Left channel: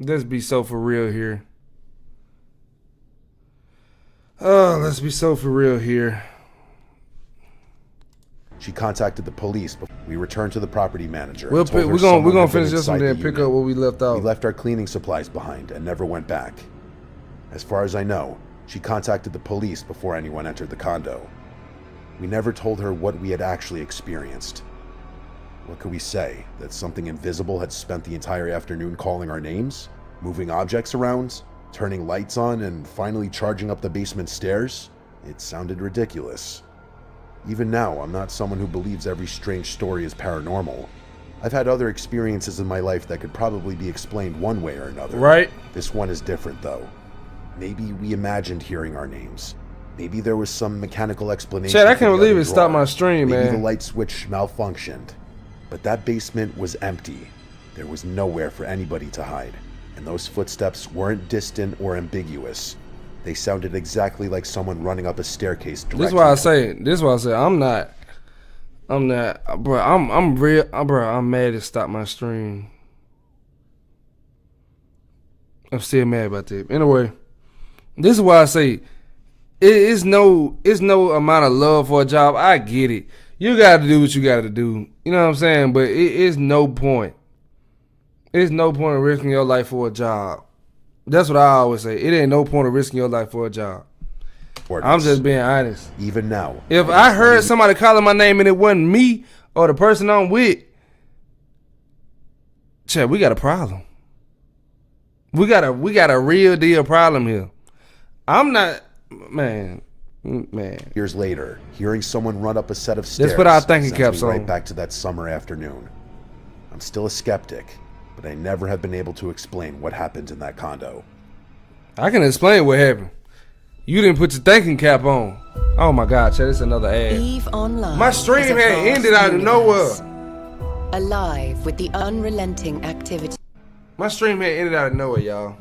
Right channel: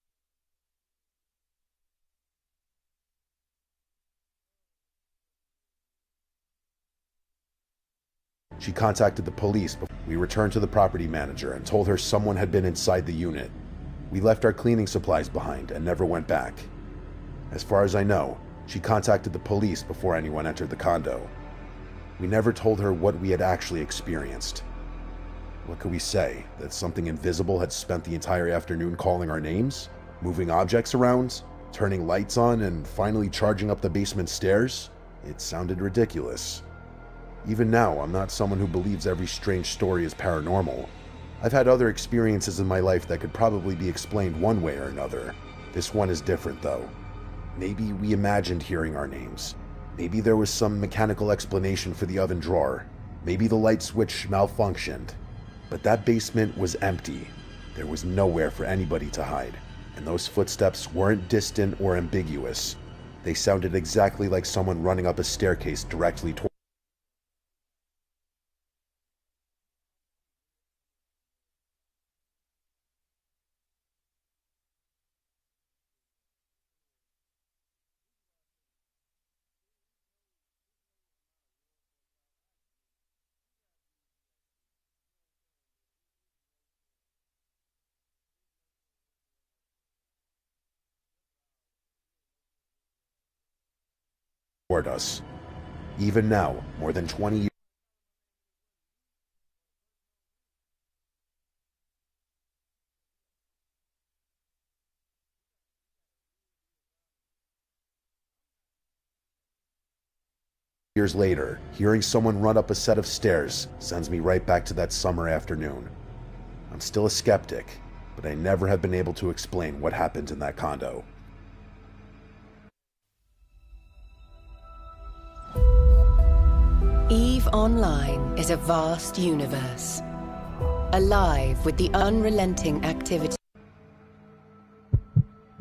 Let's be so for real here. Oh, let's be so for real here. She contacted the police before we returned to the property manager We're and told her gonna someone had been finish this inside one the and pick unit. up where we left off. We left our cleaning supplies behind and never went back. As far as I know, she contacted the police before anyone entered the condo. We never told her what we had actually experienced. What could we say? That something invisible had spent the entire afternoon calling our names? Moving objects around? Turning lights on and finally charging up the basement stairs? It sounded ridiculous. Even now, I'm not someone who believes every strange story is paranormal. I've had other experiences in my life that could probably be explained one way or another. Right? This one is different, though. Maybe we imagined hearing our names. Maybe there was some mechanical explanation Chad, I for can't the believe other it stopped drawer. my stream, Maybe man. the light switch malfunctioned. But that basement was empty. There was nowhere for anybody to hide. And those footsteps weren't distant or ambiguous. They sounded exactly like someone running up a staircase This is directly why I say. This is why I say I'm not, bro. I'm real, bro. I'm mad it stopped my stream. I'm still mad about that. Anyway, this is why I say it's no amount of love for a job. I get it. You got to do what you got to do. You know what I'm saying? But it is no point. It's no point in risking your life for a job. That's what I always say. It ain't no point in risking your life for a job. I'm just being honest. Even now. If I heard somebody calling my name and it wasn't me or the person I'm with, Chad, we got a problem. We got a real deal problem here. I'm not, man. Years later, hearing someone run up a set of stairs put our thinking sends caps me right on. back to that summer afternoon. I'm still a skeptic, but I never have been able to explain what happened in that condo. I can explain what happened. You didn't put your thinking cap on. Oh my God, Chad, it's another ad. EVE Online My stream is a had vast ended out of universe, nowhere. alive with the unrelenting activity. My stream had ended out of nowhere, y'all.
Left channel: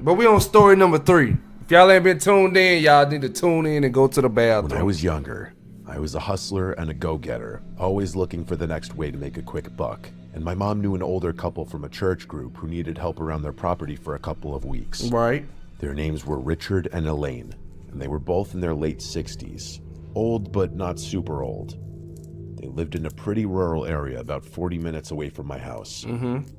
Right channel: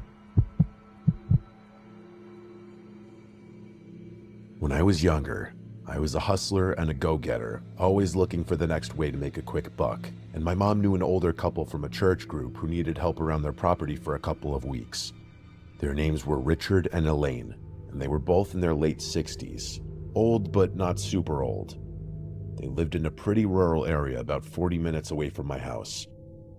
But we on story number 3. If y'all ain't been tuned in, y'all need to tune in and go to the bathroom. When I was younger, I was a hustler and a go-getter, always looking for the next way to make a quick buck. And my mom knew an older couple from a church group who needed help around their property for a couple of weeks. Right. Their names were Richard and Elaine, and they were both in their late 60s. Old, but not super old. They lived in a pretty rural area about 40 minutes away from my house.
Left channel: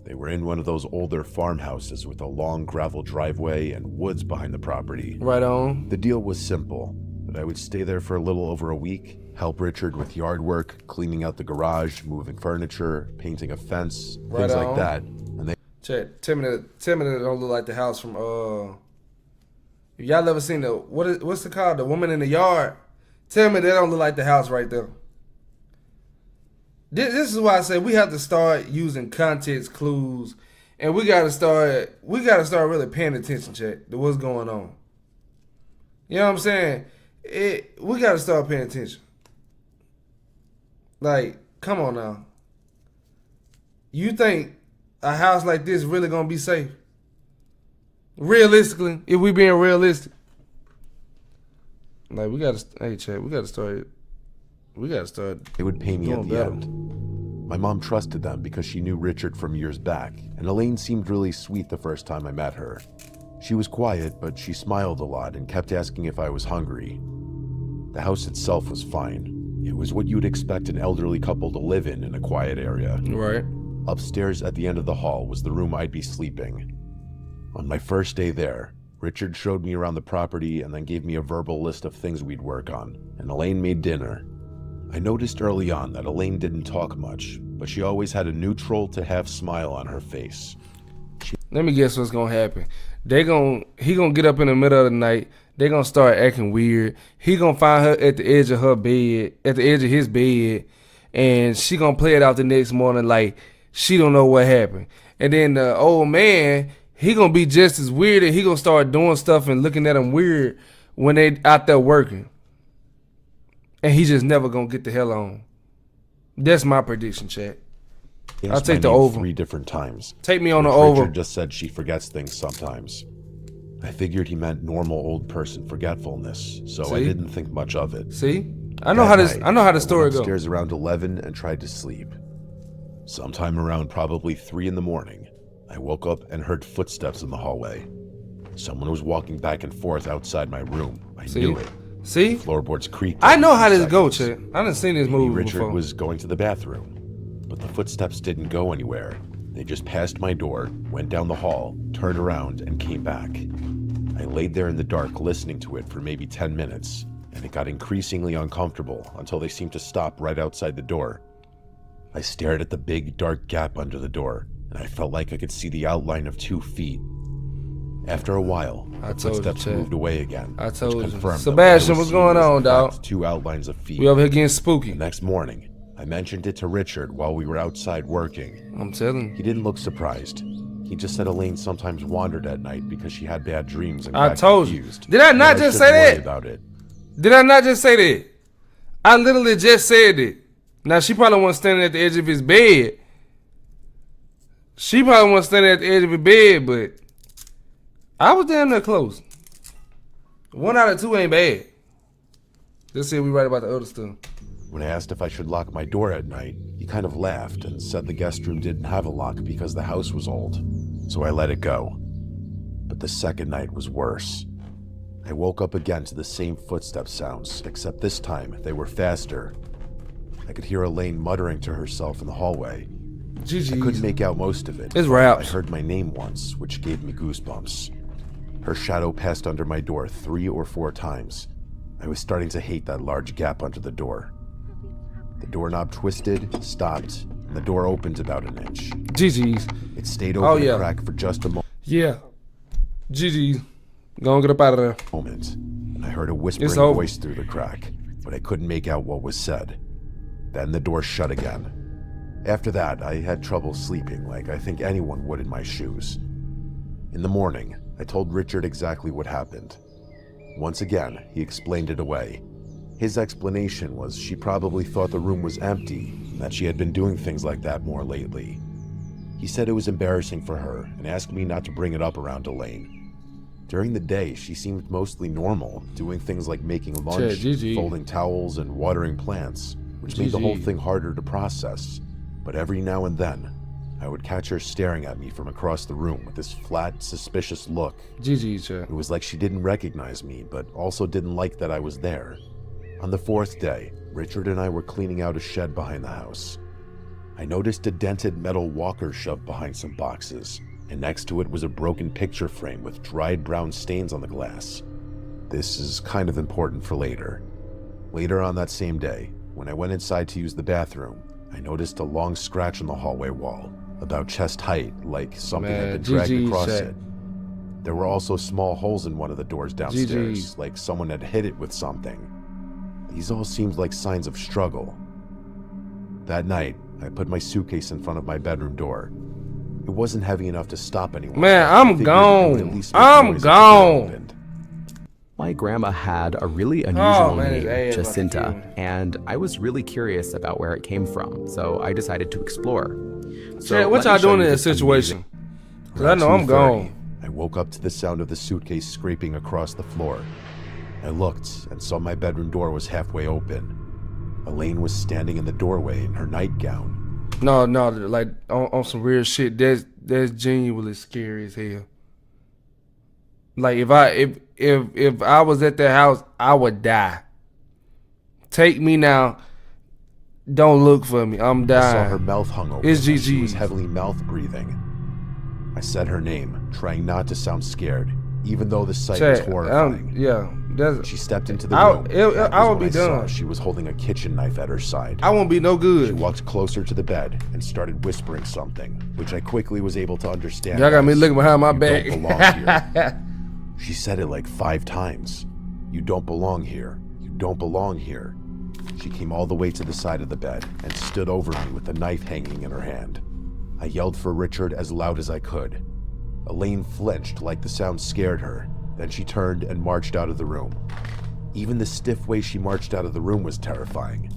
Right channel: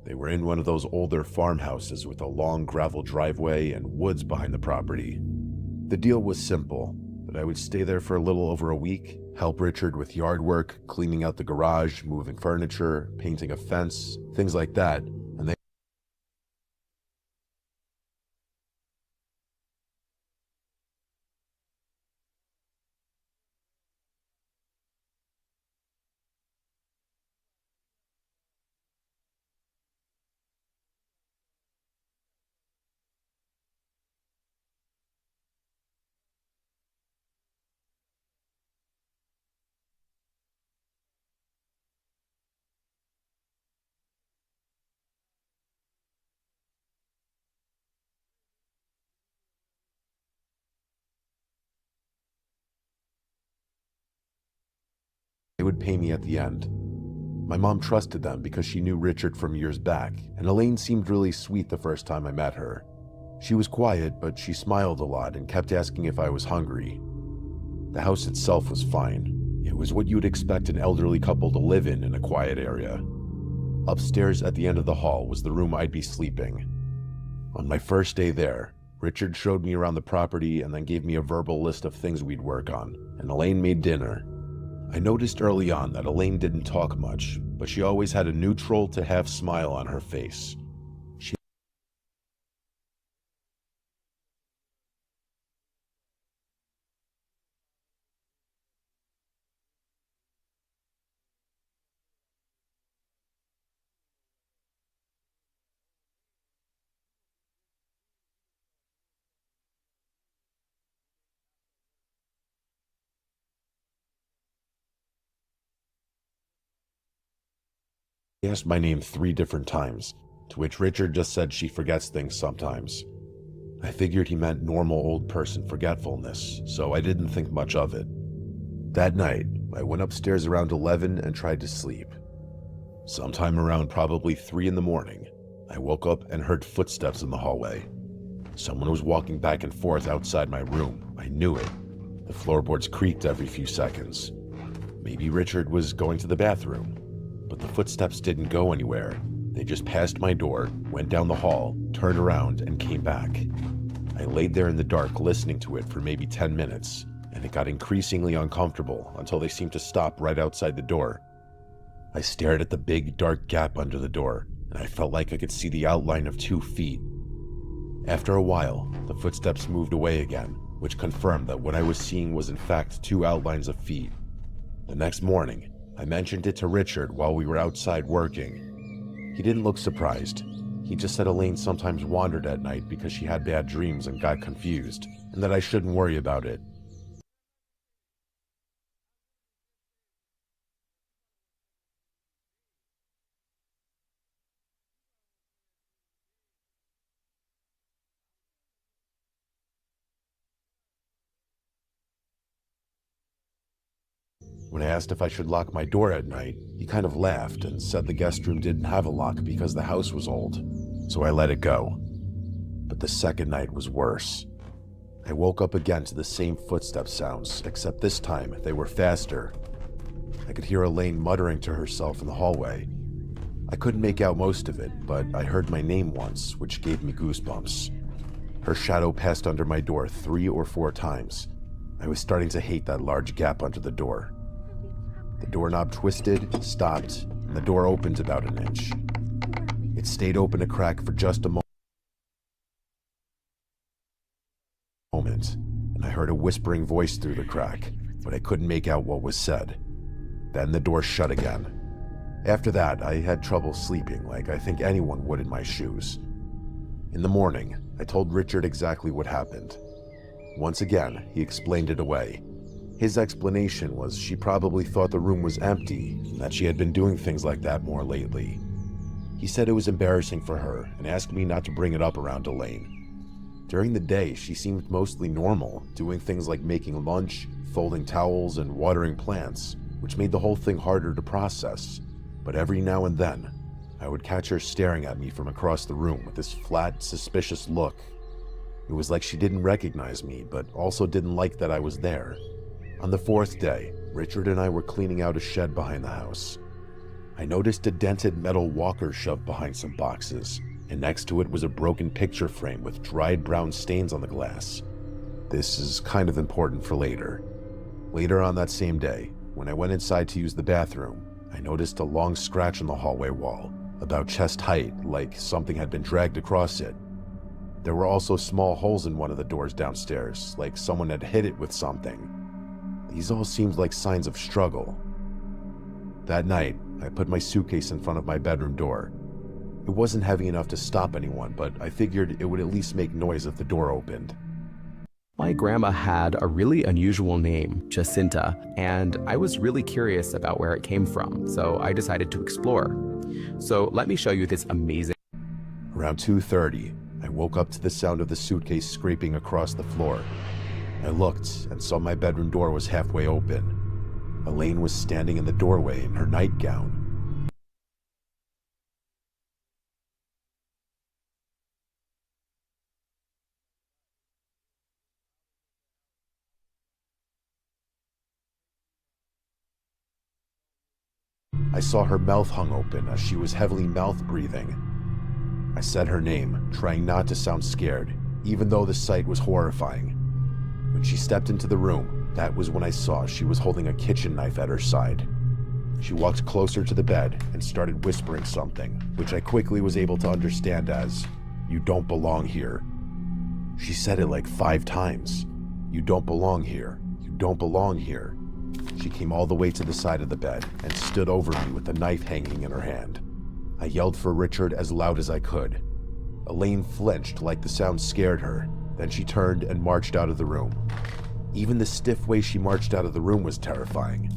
They were in one of those older farmhouses with a long gravel driveway and woods behind the property. Right on. The deal was simple, that I would stay there for a little over a week, help Richard with yard work, cleaning out the garage, moving furniture, painting a fence, things Right like on. that. And they Chat, tell me that don't look like the house from if y'all ever seen what's it called? The Woman in the Yard? Tell me that don't look like the house right there. This is why I say we have to start using context clues, and we gotta start really paying attention, chat, to what's going on. You know what I'm saying? We gotta start paying attention. Like, come on now. You think a house like this really gonna be safe? Realistically, if we being realistic, like we gotta start. They would pay me at Going the down. end. My mom trusted them because she knew Richard from years back, and Elaine seemed really sweet the first time I met her. She was quiet, but she smiled a lot and kept asking if I was hungry. The house itself was fine. It was what you'd expect an elderly couple to live in a quiet area. Right. Upstairs at the end of the hall was the room I'd be sleeping. On my first day there, Richard showed me around the property and then gave me a verbal list of things we'd work on, and Elaine made dinner. I noticed early on that Elaine didn't talk much, but she always had a neutral to half smile on her face. Let me guess what's gonna happen. He gonna get up in the middle of the night. They gonna start acting weird. He gonna find her at the edge of her bed, at the edge of his bed, and she gonna play it out the next morning like she don't know what happened. And then the old man, he gonna be just as weird, and he gonna start doing stuff and looking at him weird when they out there working. And he just never gonna get the hell on. That's my prediction, chat. He I'll asked my take the name over. 3 different times. Take me on which the over. Richard just said she forgets things sometimes. I figured he meant normal old person forgetfulness, so I See? didn't think much of it. See, I know That how night, the story I went goes. upstairs around 11 and tried to sleep. Sometime around probably 3 in the morning, I woke up and heard footsteps in the hallway. Someone was walking back and forth outside my room. I knew it. See? Floorboards creaked. I every know few how this seconds. goes, Chet. I done seen this Maybe movie Richard before. was going to the bathroom, but the footsteps didn't go anywhere. They just passed my door, went down the hall, turned around, and came back. I laid there in the dark listening to it for maybe 10 minutes, and it got increasingly uncomfortable until they seemed to stop right outside the door. I stared at the big, dark gap under the door, and I felt like I could see the outline of 2 feet. After a while, the told you, footsteps Chet. moved away again, I which told you. confirmed Sebastian, that what I was what's seeing going was, on, in dawg? fact, 2 outlines of feet. We over here getting spooky. The next morning, I mentioned it to Richard while we were outside working. I'm telling you. He didn't look surprised. He just said Elaine sometimes wandered at night because she had bad dreams and I got told you. confused. Did I and not that just shouldn't say worry that? about it. Did I not just say that? I literally just said it. Now, she probably wasn't standing at the edge of his bed. She probably wasn't standing at the edge of his bed, but I was damn near close. 1 out of 2 ain't bad. Let's see if we right about the other stuff. When I asked if I should lock my door at night, he kind of laughed and said the guest room didn't have a lock because the house was old. So I let it go. But the second night was worse. I woke up again to the same footstep sounds, except this time they were faster. I could hear Elaine muttering to herself in the hallway. GG. I couldn't make out most of it. It's but raps. I heard my name once, which gave me goosebumps. Her shadow passed under my door 3 or 4 times. I was starting to hate that large gap under the door. The doorknob twisted, stopped, and the door opened about an inch. GG's. It stayed open yeah. a crack for just a Yeah. GG's. Go and get up out of there. moment, and I heard a whispering It's over. voice through the crack, but I couldn't make out what was said. Then the door shut again. After that, I had trouble sleeping, like I think anyone would in my shoes. In the morning, I told Richard exactly what happened. Once again, he explained it away. His explanation was she probably thought the room was empty and that she had been doing things like that more lately. He said it was embarrassing for her and asked me not to bring it up around Elaine. During the day, she seemed mostly normal, doing things like making lunch, GG. folding towels, and watering plants, which made the whole GG. thing harder to process. But every now and then, I would catch her staring at me from across the room with this flat, suspicious look. GG, Chet. It was like she didn't recognize me, but also didn't like that I was there. On the 4th day, Richard and I were cleaning out a shed behind the house. I noticed a dented metal walker shoved behind some boxes, and next to it was a broken picture frame with dried brown stains on the glass. This is kind of important for later. Later on that same day, when I went inside to use the bathroom, I noticed a long scratch on the hallway wall, about chest height, like something had Man, been dragged GG, across Shaq. it. There were also small holes in one of the doors downstairs, GG. like someone had hit it with something. These all seemed like signs of struggle. That night, I put my suitcase in front of my bedroom door. It wasn't heavy enough to stop anyone. Man, but I I'm figured gone. It would at least make I'm noise if the door gone. opened. My grandma had a really unusual man, name, hey, Jacinta, and I was really curious about where it came from, so I decided to explore. So Hey, what let me y'all show doing you in this this situation? 'Cause I Around know I'm 2:30, gone. I woke up to the sound of the suitcase scraping across the floor. I looked and saw my bedroom door was halfway open. Elaine was standing in the doorway in her nightgown. No, like on some real shit. That's genuinely scary as hell. Like if I was at that house, I would die. Take me now. Don't look for me. I'm dying. I saw her mouth hung open It's as she GG. was heavily mouth breathing. I said her name, trying not to sound scared, even though the sight was Chat, horrifying. yeah, that's. She stepped into the I- room. it- That I was would when be I saw done. she was holding a kitchen knife at her side. I won't be no She good. walked closer to the bed and started whispering something, which I quickly was able to understand. Y'all got me as, looking behind my "You back. don't belong here." She said it like 5 times. "You don't belong here. You don't belong here." She came all the way to the side of the bed and stood over me with the knife hanging in her hand. I yelled for Richard as loud as I could. Elaine flinched like the sound scared her. Then she turned and marched out of the room. Even the stiff way she marched out of the room was terrifying.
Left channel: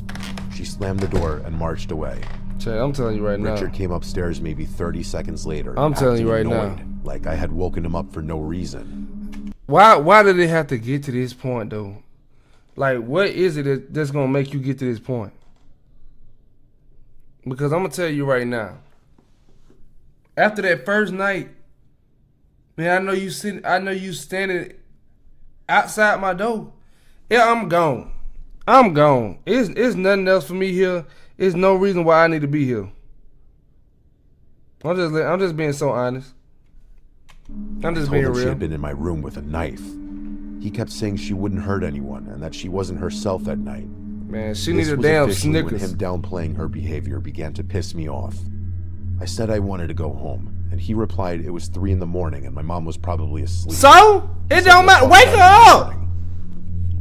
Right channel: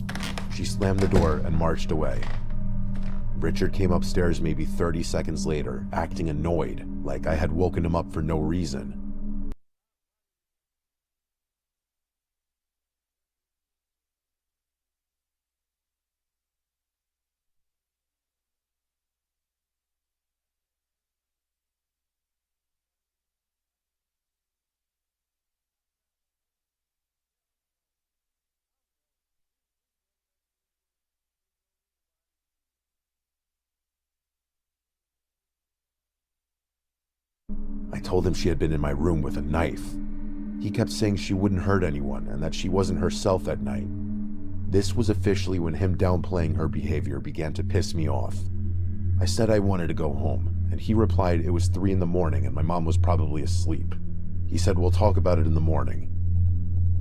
She slammed the door and marched away. Chat, I'm telling you right Richard now. came upstairs maybe 30 seconds later, I'm telling acting you right now. annoyed, like I had woken him up for no reason. Why did it have to get to this point though? Like, what is it that's gonna make you get to this point? Because I'm gonna tell you right now. after that first night, man, I know you standing outside my door. Yeah, I'm gone. I'm gone. It's nothing else for me here. It's no reason why I need to be here. I'm just being so honest. I told him she had been in my room with a knife. He kept saying she wouldn't hurt anyone and that she wasn't herself that night. Man, she This needs a was damn officially when Snickers. him downplaying her behavior began to piss me off. I said I wanted to go home, and he replied it was 3 in the morning and my mom was probably asleep. So? He It said, don't "We'll matter. talk Wake about her it in the up. morning."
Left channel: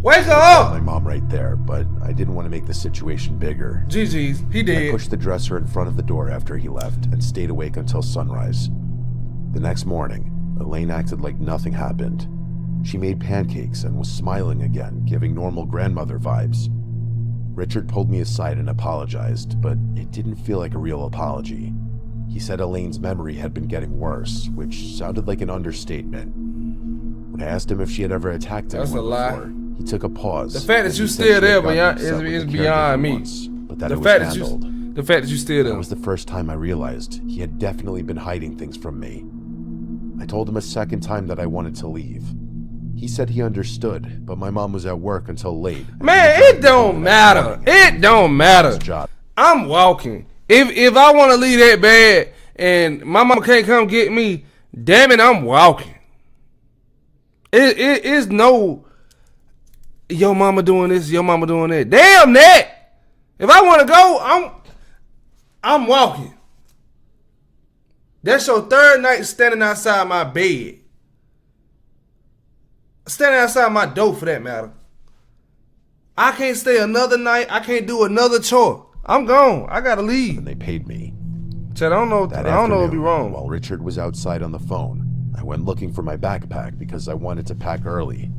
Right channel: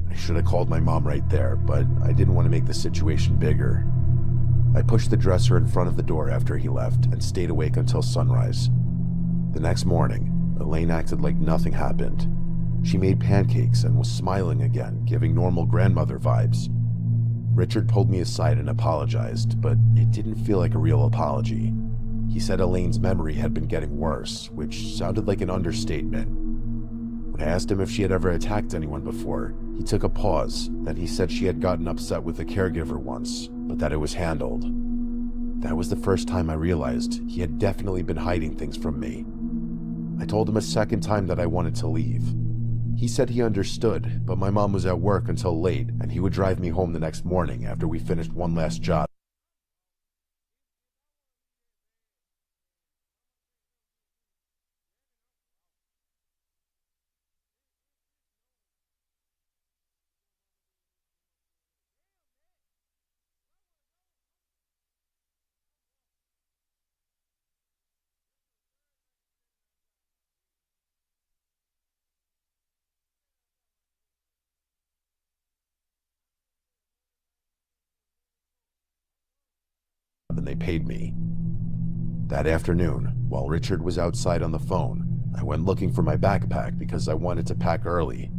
Wake her I called my up. mom right there, but I didn't want to make the situation bigger. GG's. He I did. pushed the dresser in front of the door after he left and stayed awake until sunrise. The next morning, Elaine acted like nothing happened. She made pancakes and was smiling again, giving normal grandmother vibes. Richard pulled me aside and apologized, but it didn't feel like a real apology. He said Elaine's memory had been getting worse, which sounded like an understatement. When I asked him if she had ever attacked That's anyone a lie. before, he took a pause. The fact that and you he said still she there, had gotten beyond- upset with is the beyond caregiver me. once, but that The it was fact that you- handled. The fact that you still there. That was the first time I realized he had definitely been hiding things from me. I told him a second time that I wanted to leave. He said he understood, but my mom was at work until late. and Man, he would drive it me home don't the next matter. morning after It we finished don't my matter. last job. I'm walking. If I want to leave that bad and my mama can't come get me, damn it, I'm walking. It is no your mama doing this, your mama doing that. Damn that. If I want to go, I'm walking. That's your third night standing outside my bed. Standing outside my door for that matter. I can't stay another night. I can't do another chore. I'm gone. I gotta leave. And they paid me. Chad, I don't know. That I don't know if afternoon, you're wrong. while Richard was outside on the phone, I went looking for my backpack because I wanted to pack early.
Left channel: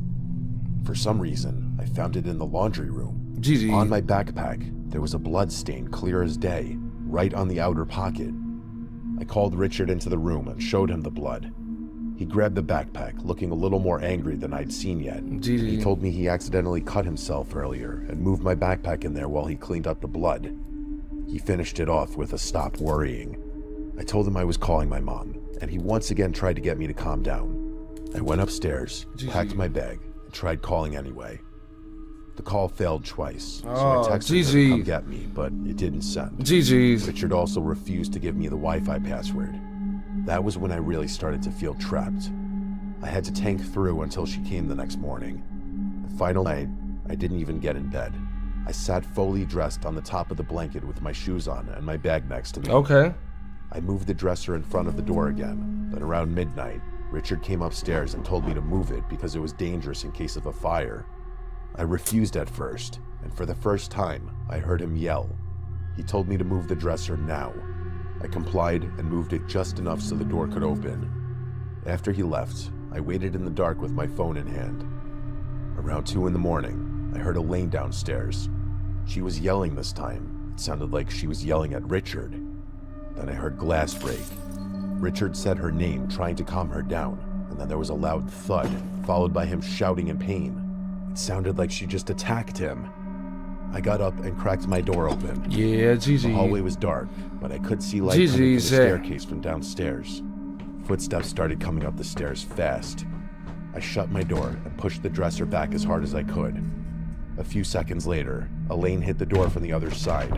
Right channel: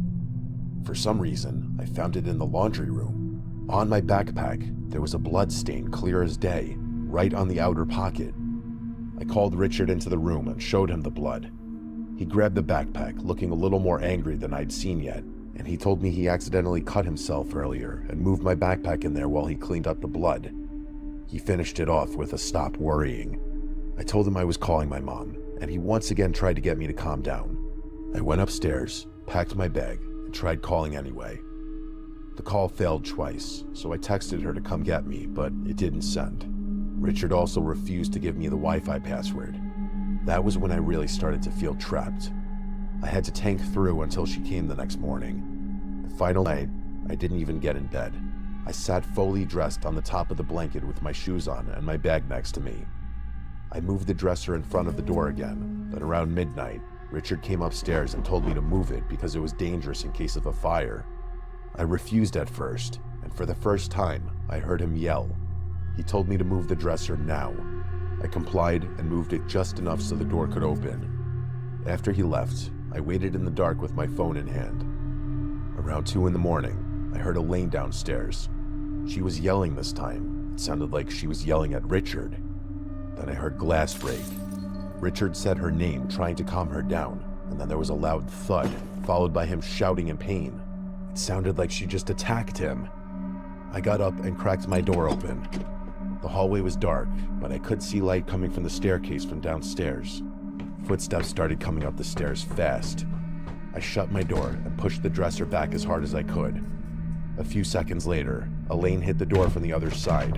For some reason, I found it in the laundry room. GG. On my backpack, there was a blood stain clear as day, right on the outer pocket. I called Richard into the room and showed him the blood. He grabbed the backpack, looking a little more angry than I'd seen yet. And he told me he accidentally cut himself earlier and moved my backpack in there while he cleaned up the blood. He finished it off with a "stop worrying." I told him I was calling my mom, and he once again tried to get me to calm down. I went upstairs, packed my bag, and tried calling anyway. The call failed twice, so I Oh, texted her GG. to come get me, but it didn't send. GG's. Richard also refused to give me the Wi-Fi password. That was when I really started to feel trapped. I had to tank through until she came the next morning. The final night, I didn't even get in bed. I sat fully dressed on the top of the blanket with my shoes on and my bag next to me. Okay. I moved the dresser in front of the door again, but around midnight, Richard came upstairs and told me to move it because it was dangerous in case of a fire. I refused at first, and for the first time, I heard him yell. He told me to move the dresser now. I complied and moved it just enough so the door could open. After he left, I waited in the dark with my phone in hand. Around 2 in the morning, I heard Elaine downstairs. She was yelling this time. It sounded like she was yelling at Richard. Then I heard glass break. Richard said her name, trying to calm her down, and then there was a loud thud, followed by him shouting in pain. It sounded like she just attacked him. I got up and cracked my door open. Yeah, GG. The hallway was dark, but I could see light coming from the GG. staircase from downstairs. Footsteps started coming up the stairs fast. I shut my door and pushed the dresser back as hard as I could. A few seconds later, Elaine hit the door from the other side.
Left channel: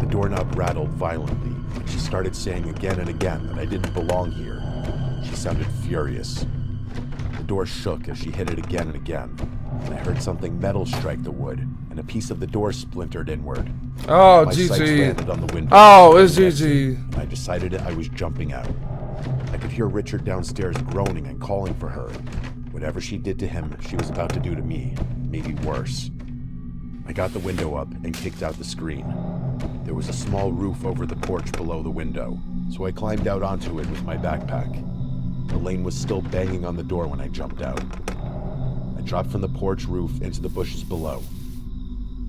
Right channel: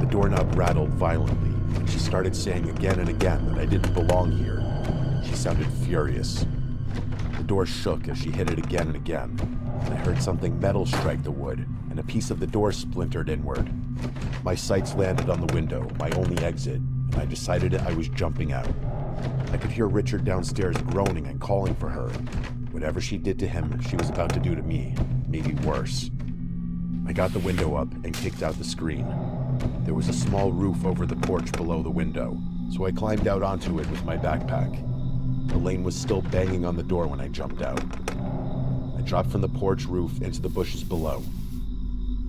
The doorknob rattled violently, and she started saying again and again that I didn't belong here. She sounded furious. The door shook as she hit it again and again, and I heard something metal strike the wood, and a piece of the door splintered inward. Oh, My sights GG. landed on the window. Oh, and it's the exit, GG. and I decided I was jumping out. I could hear Richard downstairs groaning and calling for her. Whatever she did to him, she was about to do to me, maybe worse. I got the window up and kicked out the screen. There was a small roof over the porch below the window, so I climbed out onto it with my backpack. Elaine was still banging on the door when I jumped out. I dropped from the porch roof into the bushes below.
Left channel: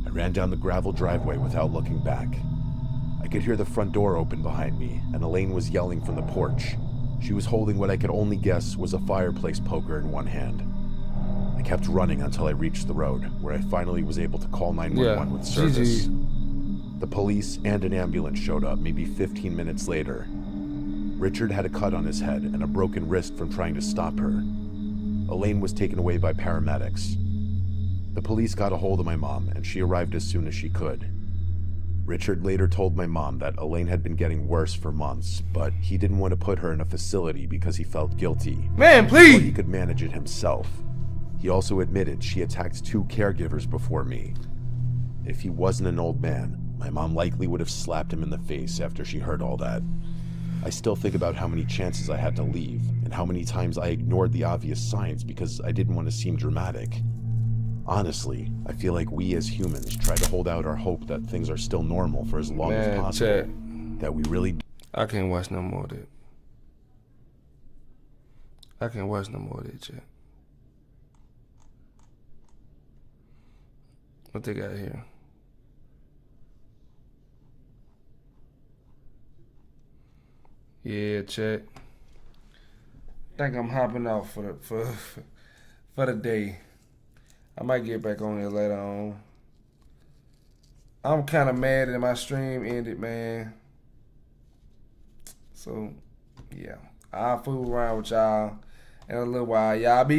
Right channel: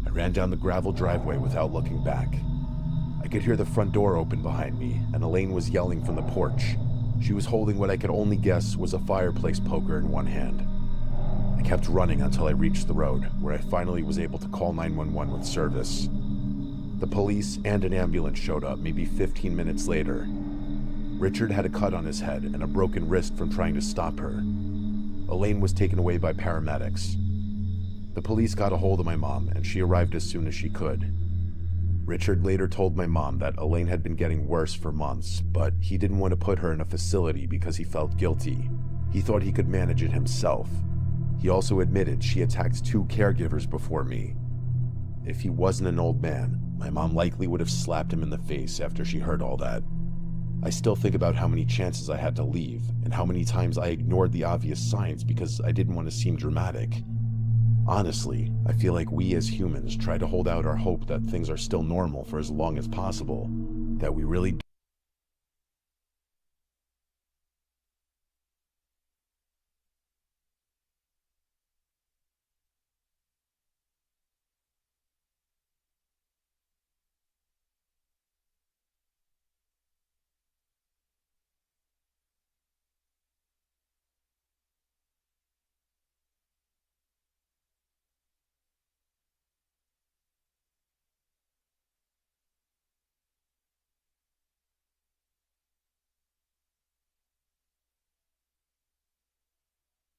I ran down the gravel driveway without looking back. I could hear the front door open behind me, and Elaine was yelling from the porch. She was holding what I could only guess was a fireplace poker in one hand. I kept running until I reached the road, where I finally was able to call 911 with service. GG. The police and an ambulance showed up maybe 15 minutes later. Richard had a cut on his head and a broken wrist from trying to stop her. Elaine was taken away by paramedics. The police got a hold of my mom, and she arrived as soon as she could. Richard later told my mom that Elaine had been getting worse for months, but he didn't want to put her in a facility because he felt guilty. Man, He thought he please. could manage it himself. He also admitted she attacked 2 caregivers before me. If he wasn't an old man, my mom likely would have slapped him in the face after she heard all that. I still think about how many chances I had to leave, and how many times I ignored the obvious signs because I didn't want to seem dramatic. Honestly, I feel like we as humans try to hold out our hope that things are still normal for as long Man, as possible. Chad. That we really I can't watch no more of that. I can't watch no more of that, Chad. What they got here? Yeah, Chad. Think I'm hopping off for the day. I might get back on here later on. I'm kind of mad that my stream ended, man. So, yeah. I'll fool around with y'all in a little while. Y'all be